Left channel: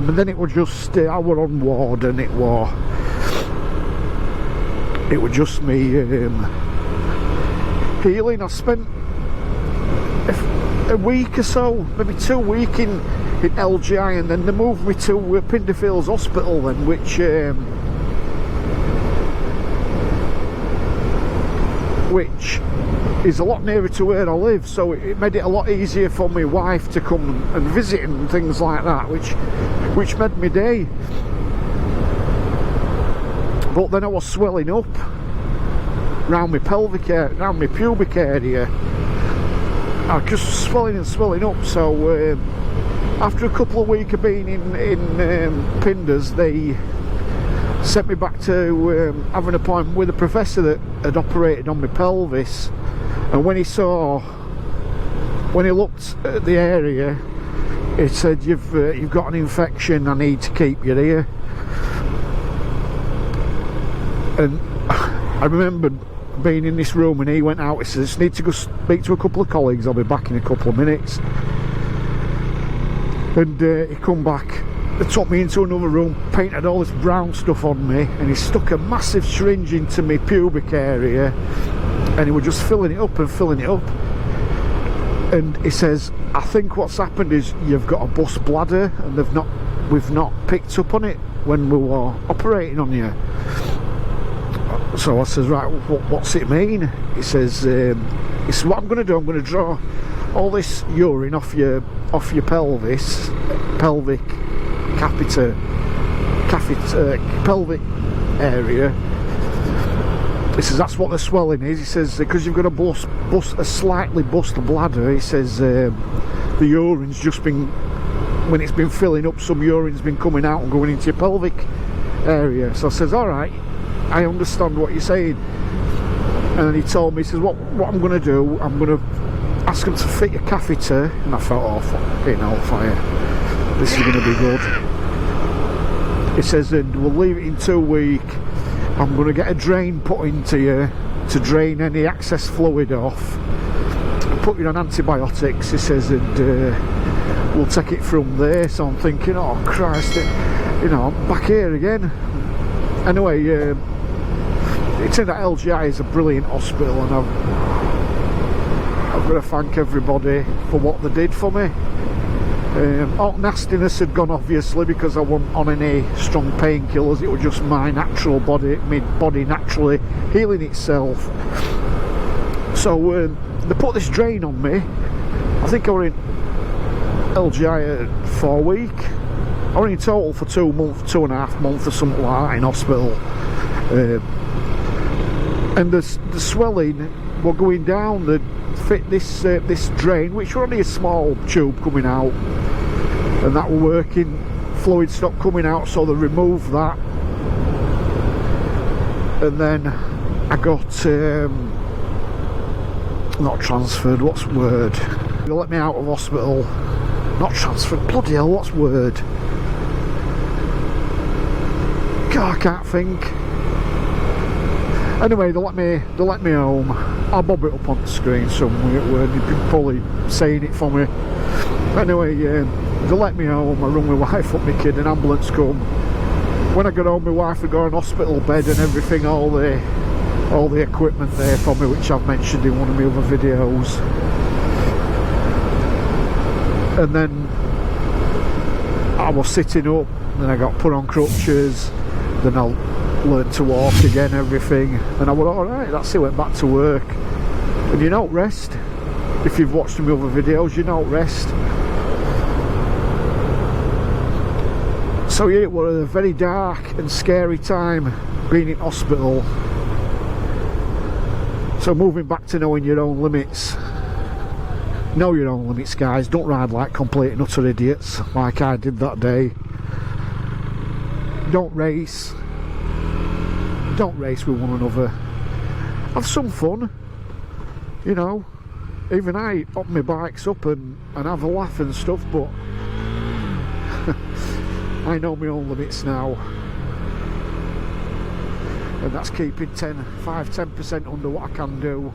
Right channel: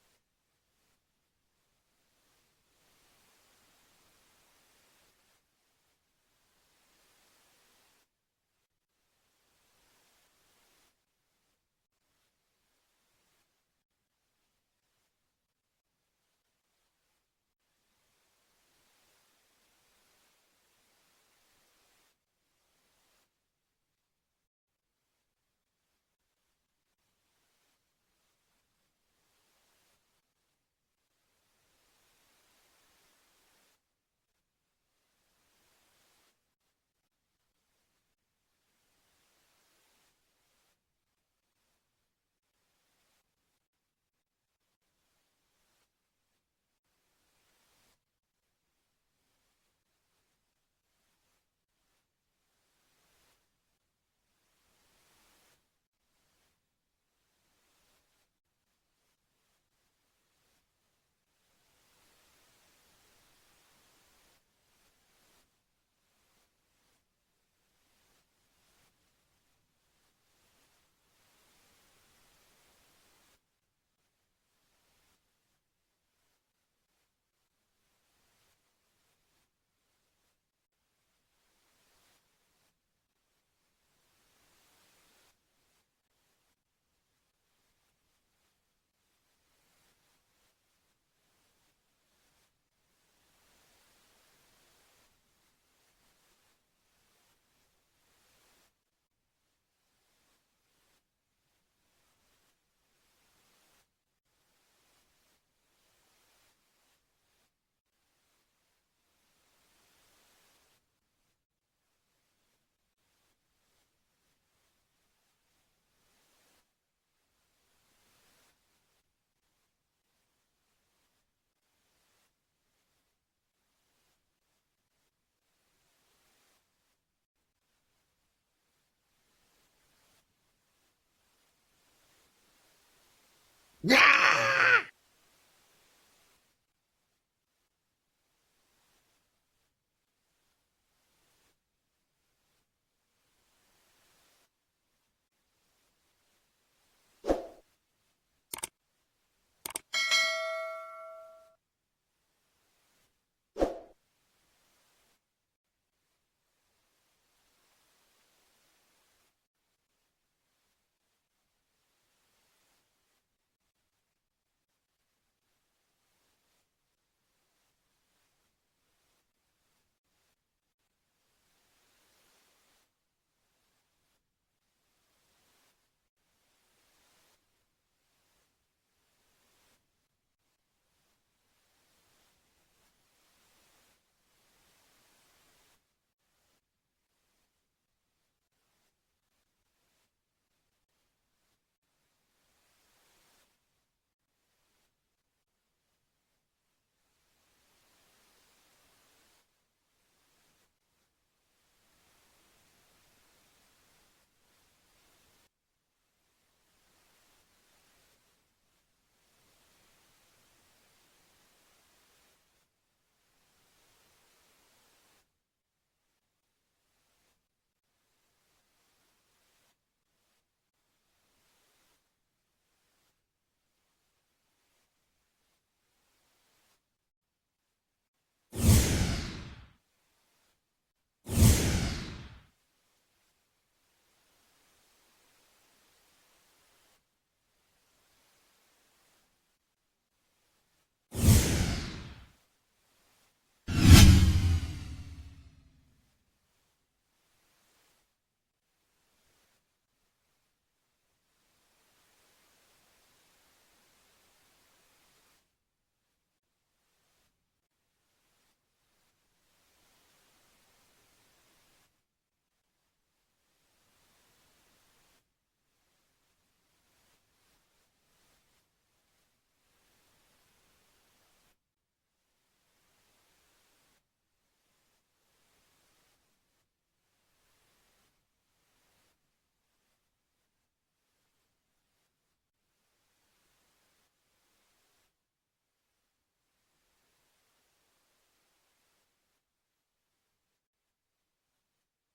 But then it was just, I were on ward, and it was just me healing. I spent a week or so, maybe 2 weeks in LGI, and then they moved me to Pinderfields Hospital then, which is a lot nearer to where I live, so it made it a lot easier for my wife to come and visit and things like that, which made my day. But then I was swelling up round my pelvic area, round my pubic area. I was just swelling and swelling up. So after a couple of weeks of being in Pinders, they sent me back to have an appointment with a professor that had operated on my pelvis. And when he looked at the area, he said, you've got an infection, I need to keep you here. And I remember being in this room, and he went out, he said, I just need to go speak to a couple of colleagues, I'll be back in a couple of minutes. And he come back, they took me into another room, painted all this brown stuff on me, and he stuck a massive syringe into my pubic area, and he was just filling it up and filling it up. And he says, I think what's happened is you've got a bust bladder, and we've not picked up on it when we were operating on you. So I says, right, what's it mean? He says, what I'm going to do, I'm going to draw all this urine off your pelvis, pelvic pelvic area. He says that's what the swelling is. He says because you've got a slightly bust bladder. He says the urine's just been, when it's been filling up, some urine's been coming out and going into your pelvic area. So I says, all right, I understand what you're saying. And then he told me, he says, what I'm going to do, I'm going to ask him to fit a catheter. And I thought, oh, fucking hellfire, this is going to be good. He says, and we'll leave it in 2 weeks. I'm going to get a drain put into you to drain any excess fluid off, put you on antibiotics. He says, and we'll take it from there. So I'm thinking, oh Christ, I'm back here again. Anyway, it turned out LGI is a brilliant hospital, and I've got to thank everybody for what they did for me. All nastiness had gone, obviously, because I wasn't on any strong painkillers. It was just my natural body, my body naturally healing itself. So they put this drain on me. I think I was in LGI 4 weeks. I was in total for 2 months, 2.5 months or something like that in hospital. And the swelling were going down. They'd fit this drain, which was only a small tube coming out, and that were working. Fluid stopped coming out, so they removed that. And then I got not transferred, what's the word? They let me out of hospital. Not transferred, bloody hell, what's the word? God, I can't think. Anyway, they let me home. I'll bob it up on the screen somewhere. You've been probably saying it for me. Anyway, they let me home. I rung my wife up, my kid, an ambulance come. When I got home, my wife had got an hospital bed and everything, all the equipment there for me, which I've mentioned in one of my other videos. And then I was sitting up, then I got put on crutches, then I learned to walk again, everything, and I went, alright, that's it, went back to work. And you don't rest. If you've watched my other videos, you don't rest. So yeah, it was a very dark and scary time being in hospital. So moving back to knowing your own limits. Know your own limits, guys. Don't ride like complete and utter idiots like I did that day. Don't race. Don't race with one another. Have some fun, you know. Even I up my bikes up and have a laugh and stuff, but I know my own limits now, and that's keeping 5-10% under what I can do.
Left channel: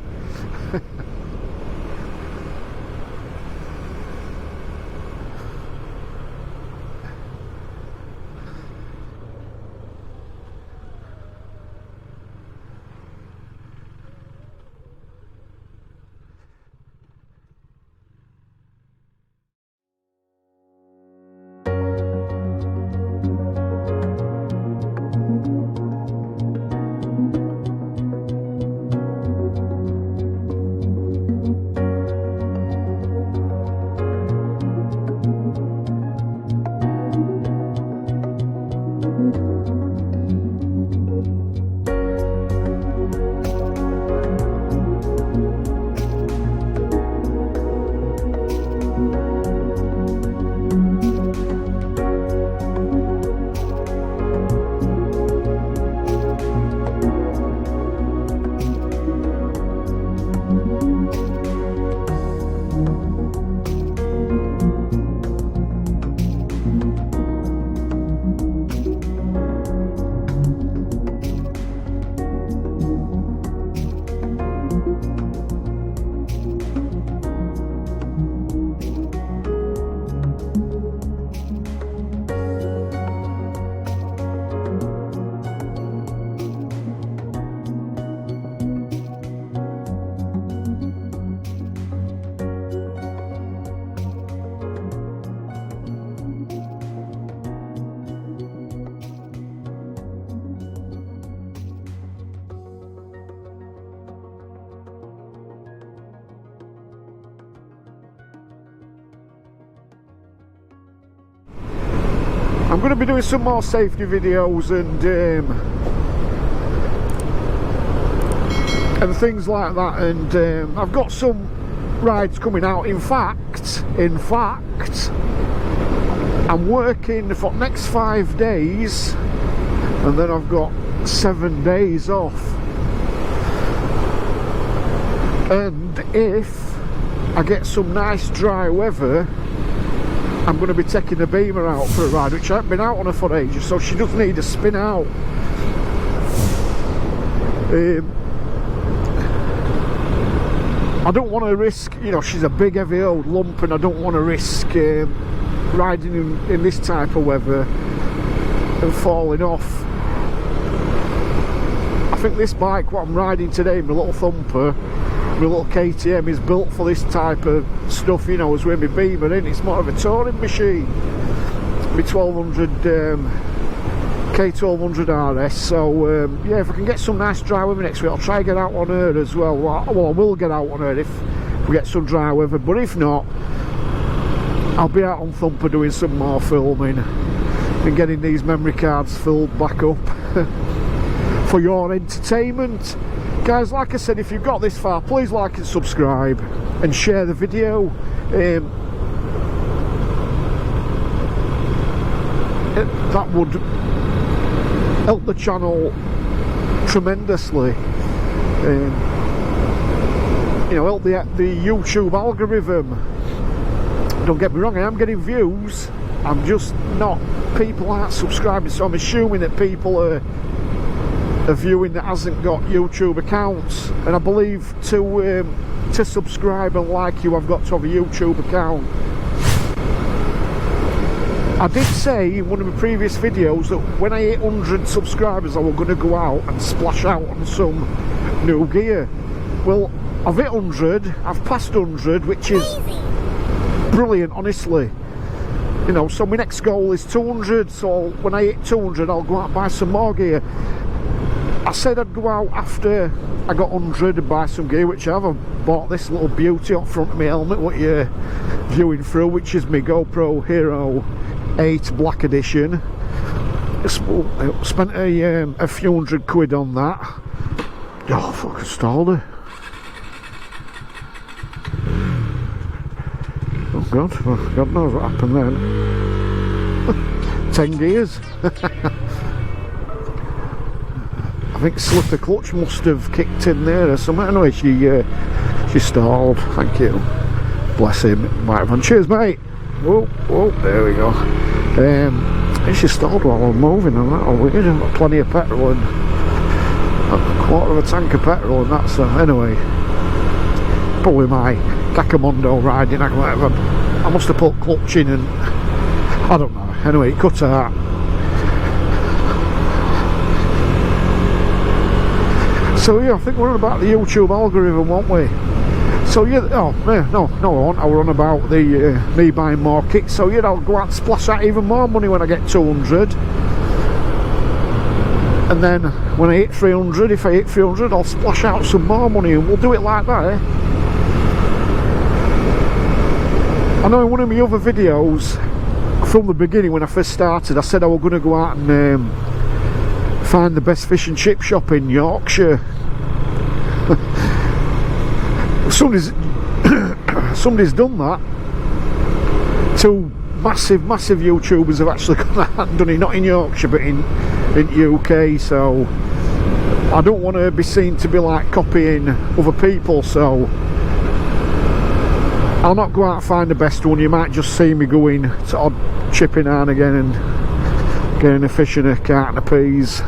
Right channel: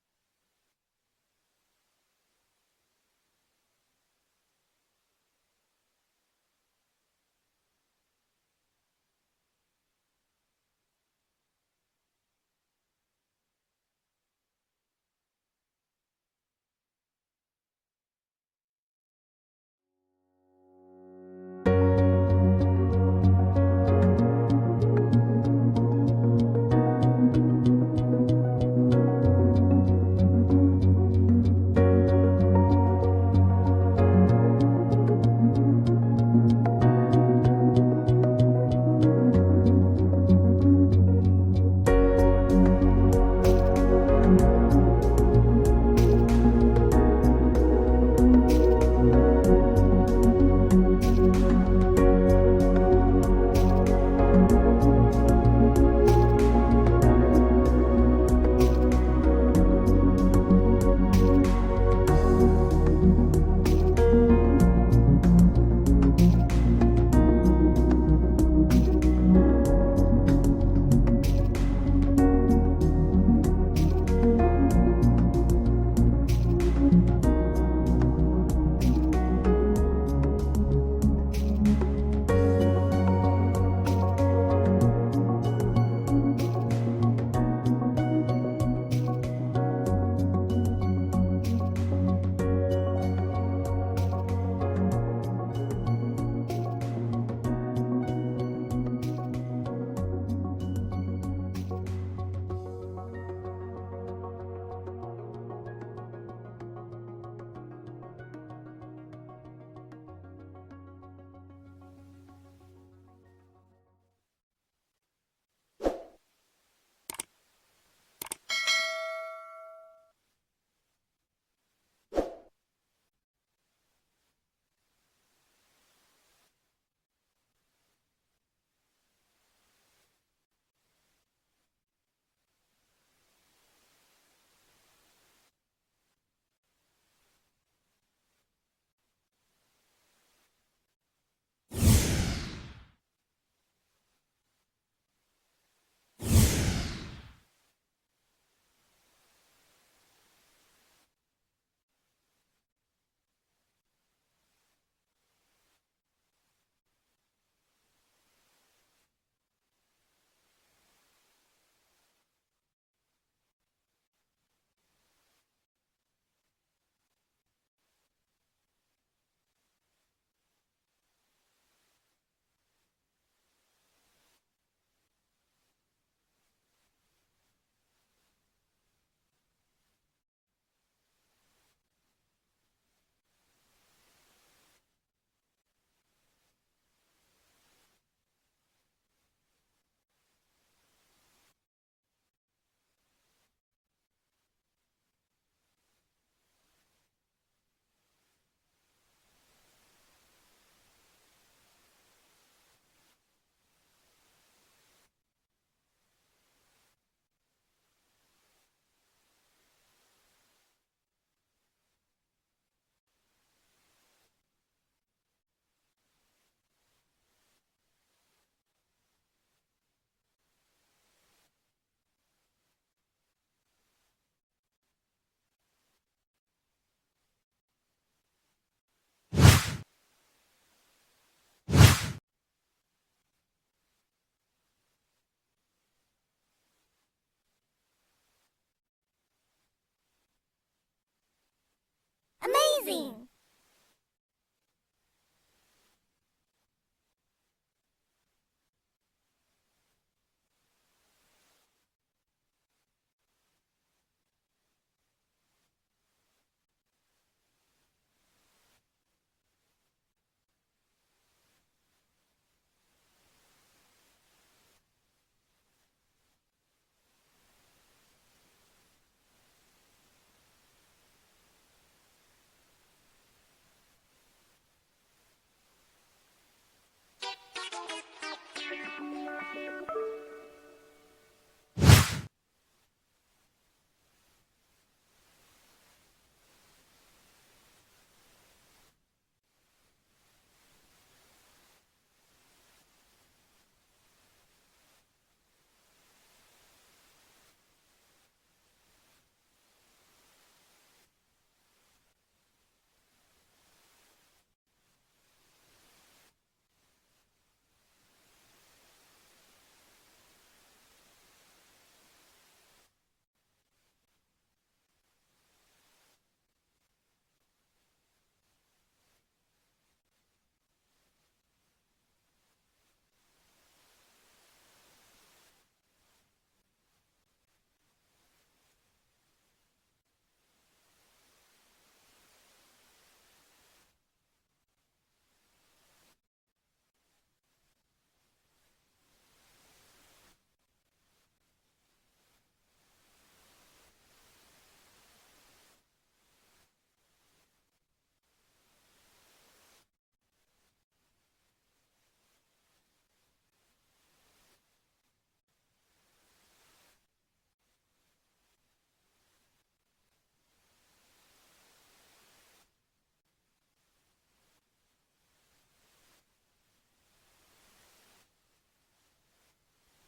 I'm going to be doing some more safety videos and things like that, and I've got some rides coming out. In fact, I'm working for the next 5 days, and then I've got 7 days off. And if I get some nice dry weather, I'm going to be taking the Beamer out for a ride, which I haven't been out on her for ages, so she does need a spin out. I don't want to risk, you know, she's a big heavy old lump, and I don't want to risk riding in this type of weather and falling off. I think this bike, what I'm riding today, my little thumper, my little KTM, is built for this type of stuff, you know, as with my Beamer in. It's more of a touring machine, my 1200 K1200 RS. So yeah, if I can get some nice dry weather next week, I'll try and get out on her as well. Well, I will get out on her if we get some dry weather, but if not, I'll be out on Thumper doing some more filming and getting these memory cards filled back up for your entertainment. Guys, like I said, if you've got this far, please like and subscribe and share the video. That would help the channel tremendously. You know, help the YouTube algorithm. Don't get me wrong, I am getting views. I'm just not, people aren't subscribing, so I'm assuming that people are viewing that hasn't got YouTube accounts, and I believe to subscribe and like you, I've got to have a YouTube account. I did say in one of my previous videos that when I hit 100 subscribers I was going to go out and splash out on some new gear. Well, I've hit 100, I've passed 100, which is brilliant, honestly. You know, so my next goal is 200, so when I hit 200 I'll go out and buy some more gear. I said I'd go out after I got 100 and buy some gear, which I have. I've bought this little beauty up front of my helmet, what you're viewing through, which is my GoPro Hero 8 Black Edition. Spent a few £100 on that. Oh, fucking stalled her. Oh God, well, God knows what happened then. 10 gears. I think slip of clutch must have kicked in there or something. Anyway, she stalled. Thank you. Bless him. Microphone. Cheers, mate. Whoa, whoa, there we go. She stalled while I'm moving, and that'll weird. I've got plenty of petrol and a quarter of a tank of petrol and that, so anyway. Probably my Kakamondo riding, whatever. I must have put clutch in and I don't know. Anyway, it cut out. So yeah, I think we're on about the YouTube algorithm, won't we? So yeah, no, I won't. I were on about the me buying more kits. So yeah, I'll go out and splash out even more money when I get 200. And then when I hit 300, if I hit 300, I'll splash out some more money, and we'll do it like that, eh? I know in one of my other videos from the beginning when I first started, I said I was going to go out and find the best fish and chip shop in Yorkshire. Somebody's done that. Two massive YouTubers have actually gone out and done it, not in Yorkshire but in UK, so I don't want to be seen to be like copying other people, so I'll not go out and find the best one. You might just see me going to odd chipping now and again and getting a fish and a carton of peas.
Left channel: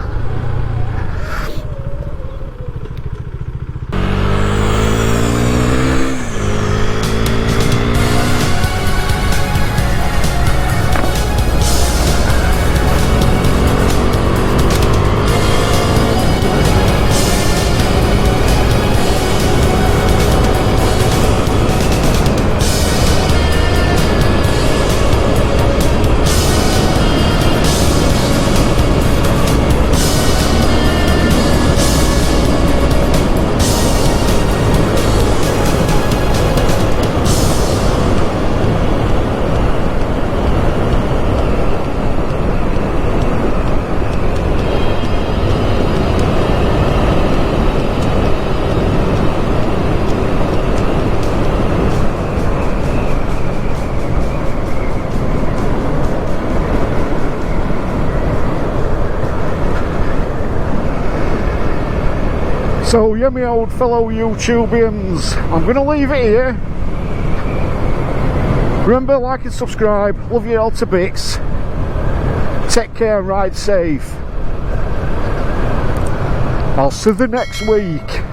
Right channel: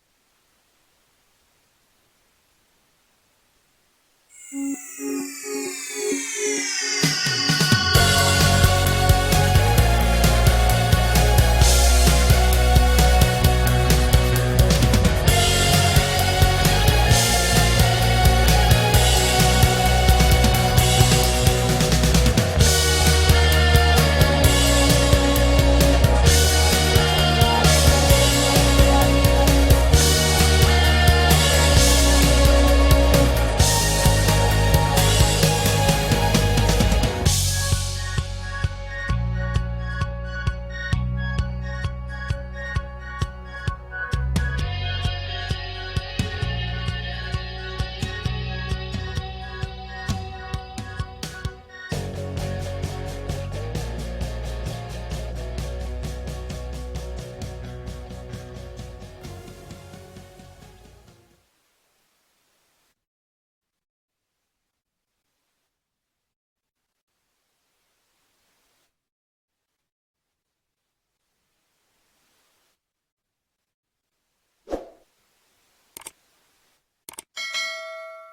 So yeah, my old fellow YouTubians, I'm going to leave it here. Remember, like and subscribe. Love you all to bits. Take care and ride safe. I'll see you next week.